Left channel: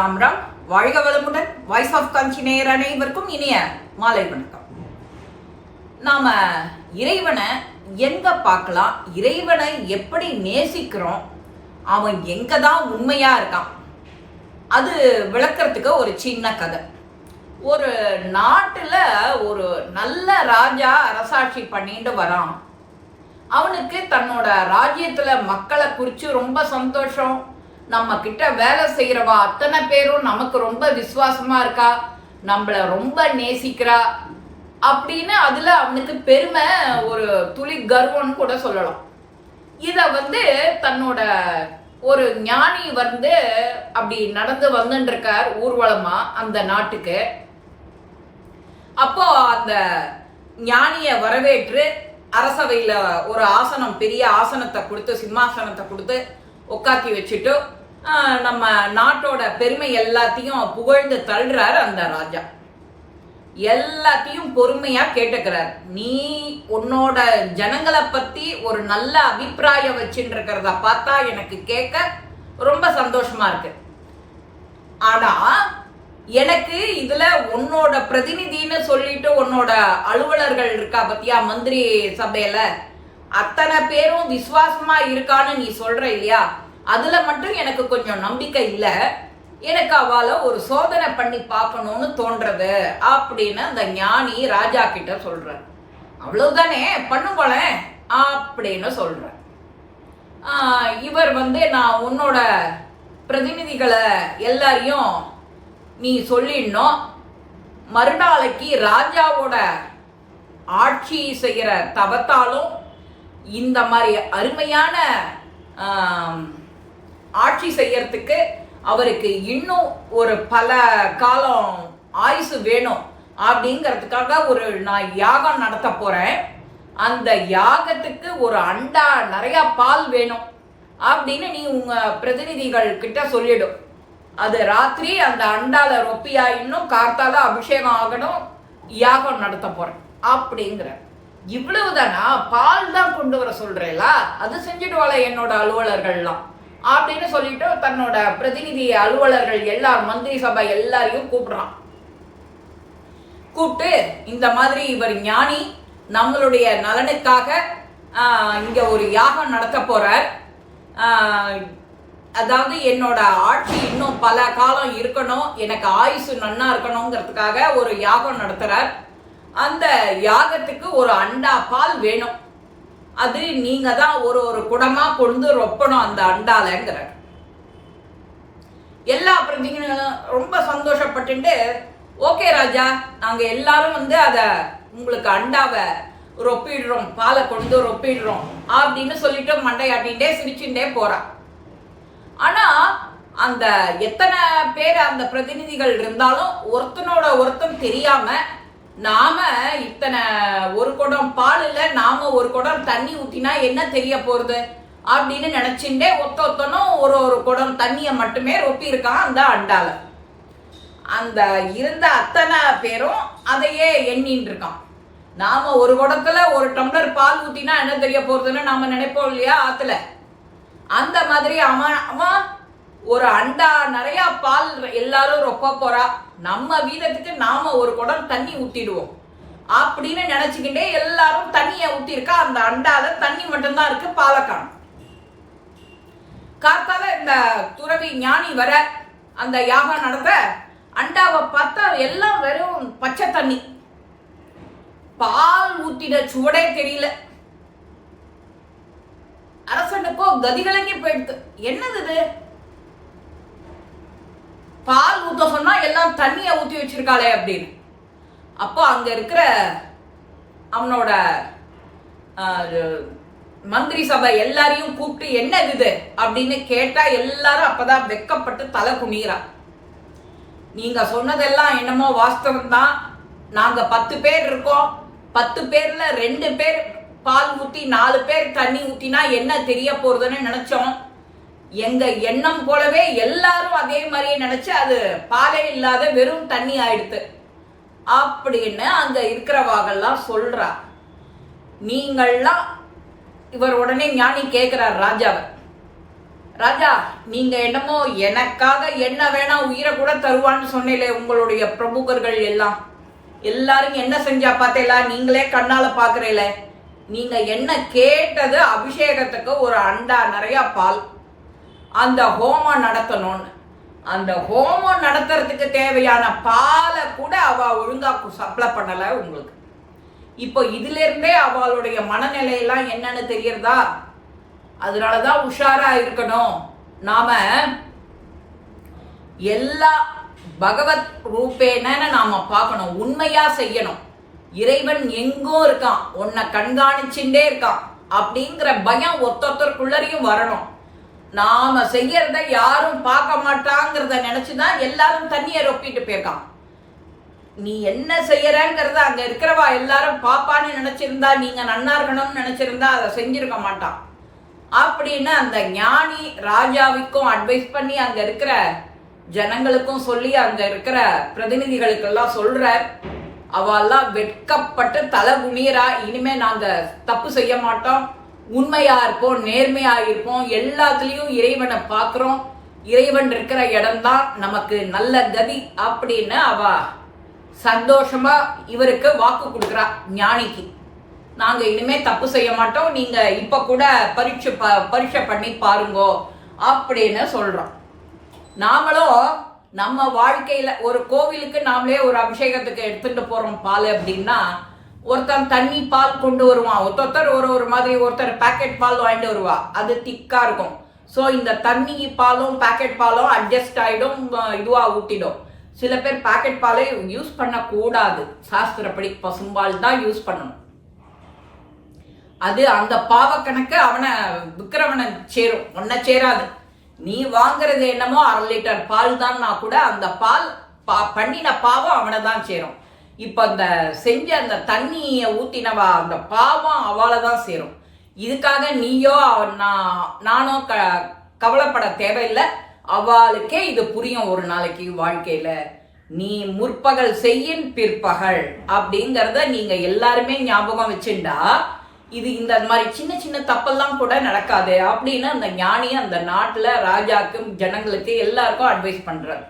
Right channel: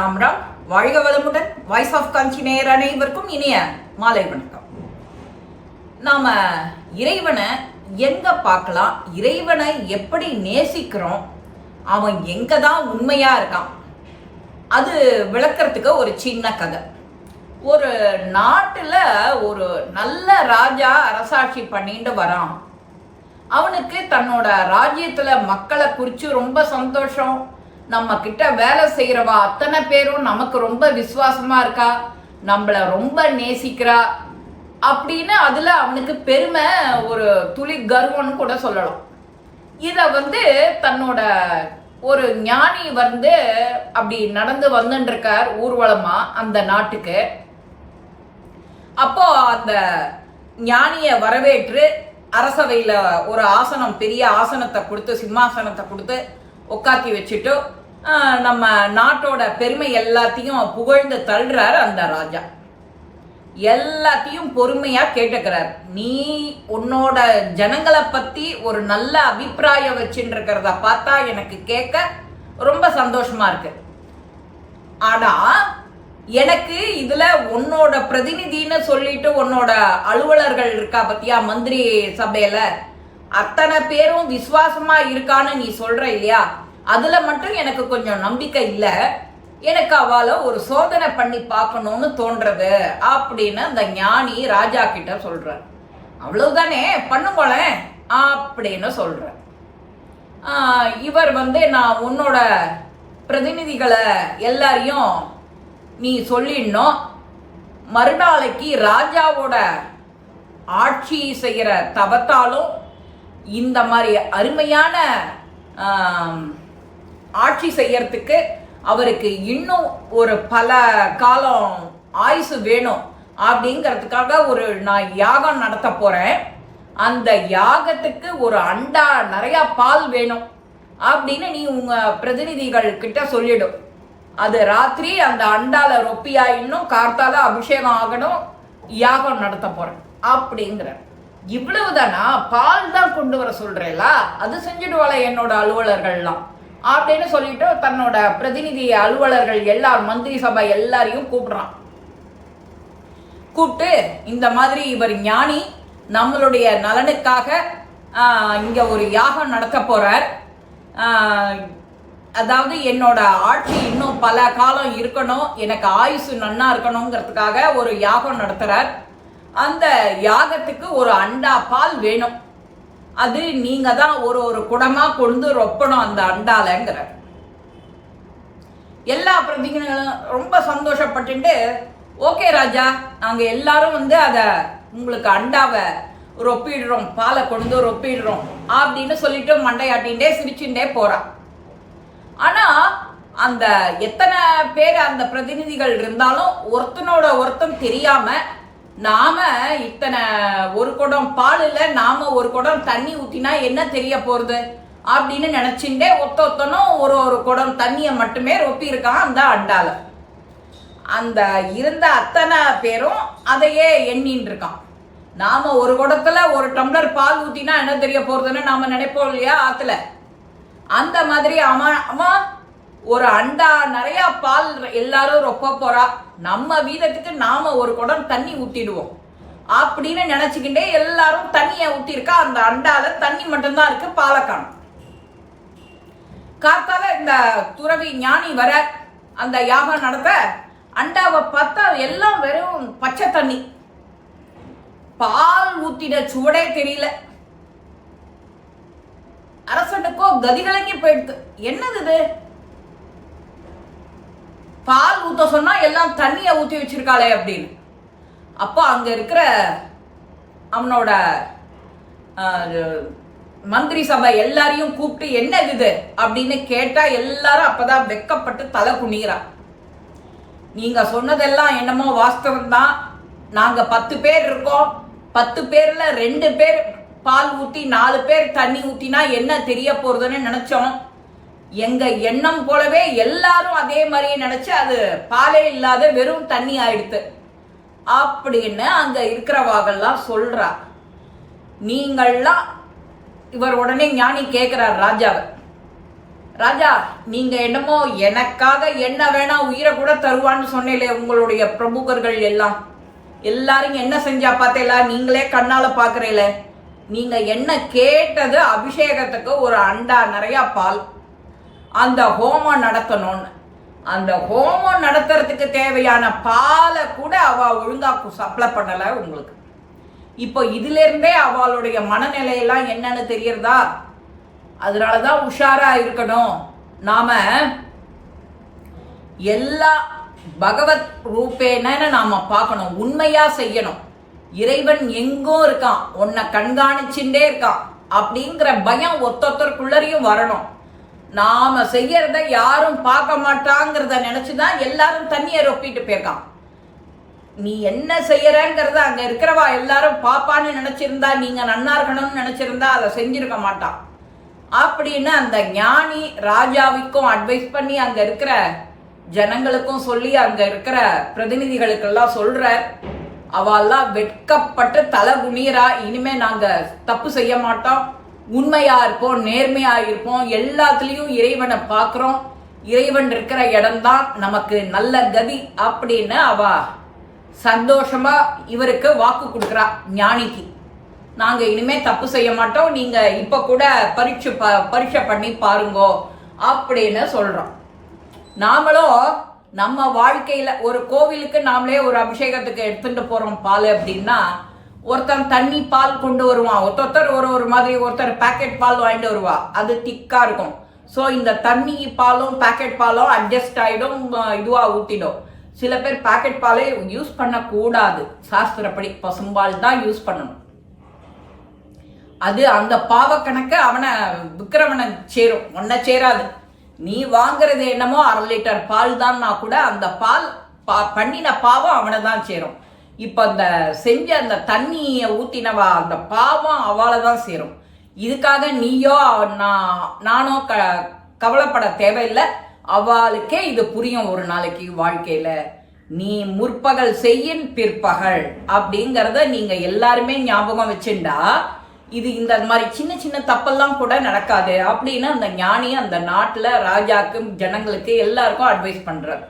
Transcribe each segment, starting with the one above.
ராம் ராம். வாழ்க வளமுடன். Voice of காஞ்சி நேயர் அனைவருக்கும் இனிய மாலை வணக்கம். நாம இறைவனை எங்க பார்க்கலாம்? இறைவனை எப்படி நேசிக்கிறோம்? அவன் எங்க தான் உண்மையா இருக்கான்? அது விளக்கிறதுக்கு ஒரு சின்ன கதை. ஒரு நாட்டில் ஒரு நல்ல ராஜா அரசாட்சி பண்ணிட்டு வரான். அவனுக்கு தன்னோட ராஜ்யத்தில் மக்களை குறித்து ரொம்ப சந்தோஷம். நம்ம கிட்ட வேலை செய்யறவா அத்தனை பேரும் நமக்கு ரொம்ப விசுவாசமா இருக்கா? நம்மள ரொம்ப நேசிக்கிறா? அப்படின்னு அதுல அவனுக்கு பெருமை ஒரு துளி கர்வம்னு கூட சொல்லலாம். இத வந்து தன்னோட ஒரு ஞானி வந்து அப்படி நடந்து வந்துட்டு ஊர்வலமா அந்த நாட்டுக்கு. அப்போ அந்த ஞானிய வரவேற்று அரசவையில ஒரு ஆசனம் பெரிய ஆசனத்தை கொடுத்து சிம்மாசனத்தை கொடுத்து உட்காத்தி வச்சுட்டு நம்ம நாட்டோட பெருமை எல்லாத்தையும் புகழ்ந்து தள்ளுறாரு அந்த ராஜா. எல்லாத்தையும் பொறுமையா கேட்டுக்கிறார். நீ உன்னோட ஜனங்களை பத்தி ஒரு நல்ல அபிப்பிராயம் வச்சுருக்கிறத இருக்கிறத பார்த்தா எனக்கு கேட்க ரொம்ப சந்தோஷமா இருக்கு. ஆனா எனக்கு இதுல உன்னோட பிரதிநிதின்னு சொல்லிட்டு உன்னோட அலுவலர்கள் இருக்கா பத்தியா மந்திரி சபையில? அத்தனை பேரும் விசுவாசமா இருக்கான்னு நீ சொல்ற இல்லையா? அதில் மட்டும் எனக்கு கொஞ்சம் நம்பிக்கை இல்லை. எனக்கு அவளை ஒரு சோதனை பண்ணி பார்க்கணும்னு தோன்றது அப்படின்னு அந்த ஞானி ராஜா கிட்ட சொல்கிறார் அவ்வளவுதானே? பண்ணுங்களேன் அப்படின்னு சொல்கிறார் இவர் வந்து நான் உன்னோட பிரதிநிதிகளை எல்லாரையும் நீ சொல்லிடணும். மறுநாளைக்கு ராஜாவோட ஆட்சி செய்கிற தவத்தாலும் இந்த மாதிரி அருமையான ஆட்சி செய்யறதுக்கு அவருக்கு இன்னும் ஒரு பல காலம் ஆயுசு வேணும் அப்படிங்கிறதுக்காக ஒரு நான் யாகம் நடத்த போறேன். அந்த யாகத்துக்கு ஒரு அண்டா நிறைய பால் வேணும் அப்படின்னு நீ உங்க பிரதிநிதிகள் கிட்ட சொல்லிடும். அது ராத்திரி அந்த அண்டால ரொப்பியா இன்னும் கார்த்தால அபிஷேகம் ஆகணும் யாகம் நடத்த போறேன் அப்படிங்கிற இவ்வளவுதானா? பால் தான் கொண்டு வர சொல்றேலா? அது செஞ்சிடுவாள என்னோட அலுவலர்கள்லாம். அப்படின்னு சொல்லிட்டு தன்னோட பிரதிநிதி அலுவலர்கள் எல்லார் மந்திரி சபை எல்லாரையும் கூப்பிடுறான். கூப்பிட்டு இந்த மாதிரி இவர் ஞானி நம்மளுடைய நலனுக்காக இங்க ஒரு யாகம் நடத்த போறார். அதாவது என்னோட ஆட்சி இன்னும் பல காலம் இருக்கணும் எனக்கு ஆயுசு நன்னா இருக்கணுங்கிறதுக்காக ஒரு யாகம் நடத்துறார். அந்த யாகத்துக்கு ஒரு அண்டா பால் வேணும். அது நீங்க தான் ஒரு ஒரு குடமா கொண்டு ரொப்பணும் அந்த அண்டாலங்கிற. எல்லா பிரதிநிதிகளும் ரொம்ப சந்தோஷப்பட்டுட்டு ஓகே ராஜா நாங்க எல்லாரும் வந்து அத உங்களுக்கு அண்டாவை ரொப்பிடுறோம் பாலை கொண்டு ரொப்பிடுறோம் அப்படின்னு சொல்லிட்டு மண்டையாட்டின்டே சிரிச்சுட்டே போறா. ஆனா அந்த எத்தனை பேர் அந்த பிரதிநிதிகள் இருந்தாலும் ஒருத்தனோட ஒருத்தன் தெரியாம நாம இத்தனை ஒரு குடம் பால் இல்ல நாம ஒரு குடம் தண்ணி ஊத்தினா என்ன தெரிய போறது? அப்படின்னு நினைச்சுட்டே ஒத்த ஒத்தனும் ஒரு ஒரு குடம் தண்ணியை மட்டுமே ரொப்பி இருக்கான் அந்த அண்டால. அந்த இருந்த அத்தனை பேரும் அதையே எண்ணின்னு இருக்கான். நாம ஒரு குடத்துல ஒரு டம்ளர் பால் ஊத்தினா என்ன தெரிய போறதுன்னு நாம நினைப்போம் இல்லையா ஆத்துல? அந்த மாதிரி அவன் அவன் ஒரு அண்டா நிறைய பால் எல்லாரும் ரொப்ப போறா. நம்ம வீதத்துக்கு நாம ஒரு குடம் தண்ணி ஊத்திடுவோம். அப்படின்னு நினைச்சுக்கிட்டே எல்லாரும் தண்ணியை ஊத்திருக்கா அந்த அண்டால தண்ணி மட்டும்தான் இருக்கு பாலை காத்தால இந்த துறவி ஞானி வர அந்த யாகம் நடத்த அண்டாவை பார்த்தா எல்லாம் வெறும் பச்சை தண்ணி. பால் ஊத்தின சுவடே தெரியல. அரசனுக்கோ கதிகலங்கி போயிடுது. என்னது இது? பால் ஊற்ற சொன்னா எல்லாம் தண்ணியை ஊத்தி வச்சிருக்காளே அப்படின்னு. அப்போ அங்க இருக்கிற அவனோட மந்திரி சபை எல்லாரையும் கூப்பிட்டு என்ன இது அப்படின்னு கேட்டா எல்லாரும் அப்பதான் வெக்கப்பட்டு தலை குனிகிறா நீங்க சொன்னதெல்லாம் என்னமோ வாஸ்தவம் தான் நாங்க பத்து பேர் இருக்கோம். பத்து பேர்ல ரெண்டு பேர் பால் ஊத்தி நாலு பேர் தண்ணி ஊத்தினா என்ன தெரிய போறதுன்னு நினைச்சோம். எங்க எண்ணம் போலவே எல்லாரும் அதே மாதிரியே நினைச்சு அது பாலே இல்லாத வெறும் தண்ணி ஆயிடுத்து. அப்படின்னு அங்க இருக்கிறவாகெல்லாம் சொல்றா. நீங்கள்லாம் இவர் உடனே ஞானி கேட்கிறார் ராஜாவை. ராஜா நீங்க என்னமோ எனக்காக என்ன வேணா உயிரை கூட தருவான்னு சொன்னீங்களே உங்களுடைய பிரமுகர்கள் எல்லாம். எல்லாரும் என்ன செஞ்சா பார்த்தீங்களா நீங்களே கண்ணால பாக்குறீல. நீங்க என்ன கேட்டது அபிஷேகத்துக்கு ஒரு அண்டா நிறைய பால். அந்த ஹோமம் நடத்தணும்னு. அந்த ஹோமம் நடத்துறதுக்கு தேவையான பாலை கூட அவ ஒழுங்கா சப்ளை பண்ணலை உங்களுக்கு. இப்போ இதுலேருந்தே அவளுடைய மனநிலையெல்லாம் என்னன்னு தெரியறதா? அதனாலதான் உஷாரா இருக்கணும். நாம எல்லா பகவத் ரூபேன நாம பார்க்கணும். உண்மையா செய்யணும். இறைவன் எங்கும் இருக்கான். உன்னை கண்காணிச்சுட்டே இருக்கான். அப்படிங்கிற பயம் ஒத்தொத்தருக்குள்ளரையும் வரணும். நாம செய்யறத யாரும் பார்க்க மாட்டாங்கிறத நினைச்சுதான் எல்லாரும் தண்ணியை ரொப்பிட்டு போயிருக்கான். நீ என்ன செய்யறங்கிறத அங்க இருக்கிறவா எல்லாரும் பாப்பான்னு நினைச்சிருந்தா நீங்க நன்னா இருக்கணும்னு நினைச்சிருந்தா அதை செஞ்சிருக்க மாட்டான். அப்படின்னு அந்த ஞானி ராஜாவிக்கும் அட்வைஸ் பண்ணி அங்க இருக்கிற ஜனங்களுக்கும் சொல்லி அங்க இருக்கிற பிரதிநிதிகளுக்கெல்லாம் சொல்ற அவெல்லாம் வெட்கப்பட்டு தலை குனியரா இனிமே நாங்க தப்பு செய்ய மாட்டோம். உண்மையா இருப்போம் நேர்மையா இருப்போம் எல்லாத்துலேயும் இறைவனை பார்க்குறோம். இறைவன் இருக்கிற இடம்தான் நமக்கு நல்ல கதி அப்படின்னு அவ சந்தோஷமா இவருக்கு வாக்கு கொடுக்குறா ஞானிக்கு. நாங்க இனிமே தப்பு செய்ய மாட்டோம் நீங்க இப்ப கூட பரீட்சை ப பரீட்சை பண்ணி பாருங்கோ அப்படின்னு சொல்றோம். நாமளும் நம்ம வாழ்க்கையில ஒரு கோவிலுக்கு நாமளே ஒரு அபிஷேகத்துக்கு எடுத்துட்டு போறோம் பால் அப்படின்னா ஒருத்தன் தண்ணி பால் கொண்டு வருவான். ஒருத்தர் ஒரு ஒரு மாதிரி ஒருத்தர் பேக்கெட் பால் வாங்கிட்டு வருவா. அது திக்கா இருக்கும். ஸோ இந்த தண்ணி பாலும் பேக்கெட் பாலும் அட்ஜஸ்ட் ஆகிடும் இதுவாக ஊட்டிடும் சில பேர் பேக்கெட் பாலே யூஸ் பண்ணக்கூடாது. சாஸ்திரப்படி பசும்பால் தான் யூஸ் பண்ணணும். அது அந்த பாவக்கணக்கு அவனை விக்கிரமனை சேரும். ஒன்ன சேராது. நீ வாங்குறது என்னமோ அரை லிட்டர் பால் தான்னா கூட அந்த பால் பா பண்ணின பாவம் அவனை தான் சேரும். இப்போ அந்த செஞ்ச அந்த தண்ணியை ஊற்றினவா அந்த பாவம் அவளை தான் சேரும். இதுக்காக நீயோ நான் நானோ க கவலைப்பட தேவையில்லை. அவளுக்கே இது புரியும் ஒரு நாளைக்கு வாழ்க்கையில். நீ முற்பகல் செய்யின் பிற்பகல் அப்படிங்கிறத நீங்கள் எல்லாருமே ஞாபகம் வச்சுண்டா இது இந்த மாதிரி சின்ன சின்ன தப்பெல்லாம் கூட நடக்காது அப்படின்னு அந்த ஞானி அந்த நாட்டில் ராஜாக்கும் ஜனங்களுக்கு எல்லாருக்கும் அட்வைஸ் பண்ணுறாரு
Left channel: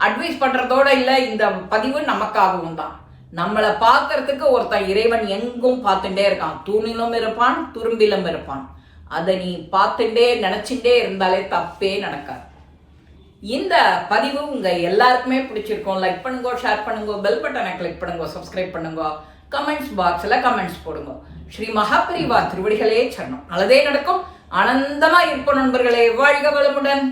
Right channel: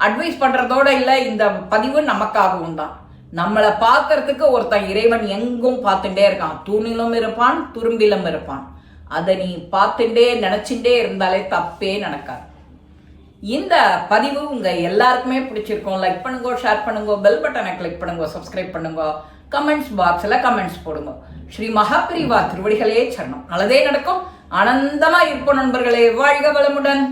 அட்வைஸ் பண்ணுறதோட இல்லை இந்த பதிவு நமக்காகவும் தான். நம்மளை பார்க்கறதுக்கு ஒருத்தன் இறைவன் எங்கும் பார்த்துட்டே இருக்கான். தூணிலும் இருப்பான் துரும்பிலும் இருப்பான். அதை நீ பார்த்துட்டே நினச்சிட்டே இருந்தாலே தப்பே நடக்காது. இந்த பதிவு உங்கள் எல்லாருக்குமே பிடிச்சிருக்கும். லைக் பண்ணுங்க ஷேர் பண்ணுங்க பெல் பட்டனை கிளிக் பண்ணுங்க சப்ஸ்கிரைப் பண்ணுங்க. கமெண்ட்ஸ் பாக்ஸில் கமெண்ட்ஸ் போடுங்க. ஸ்ரீ மகாபிரிவா திருவடிகளே சரணம். நல்லதே நடக்கும். ஆனந்தமாக இருப்போம் நண்பர்களே. வாழ்க வளமுடன்.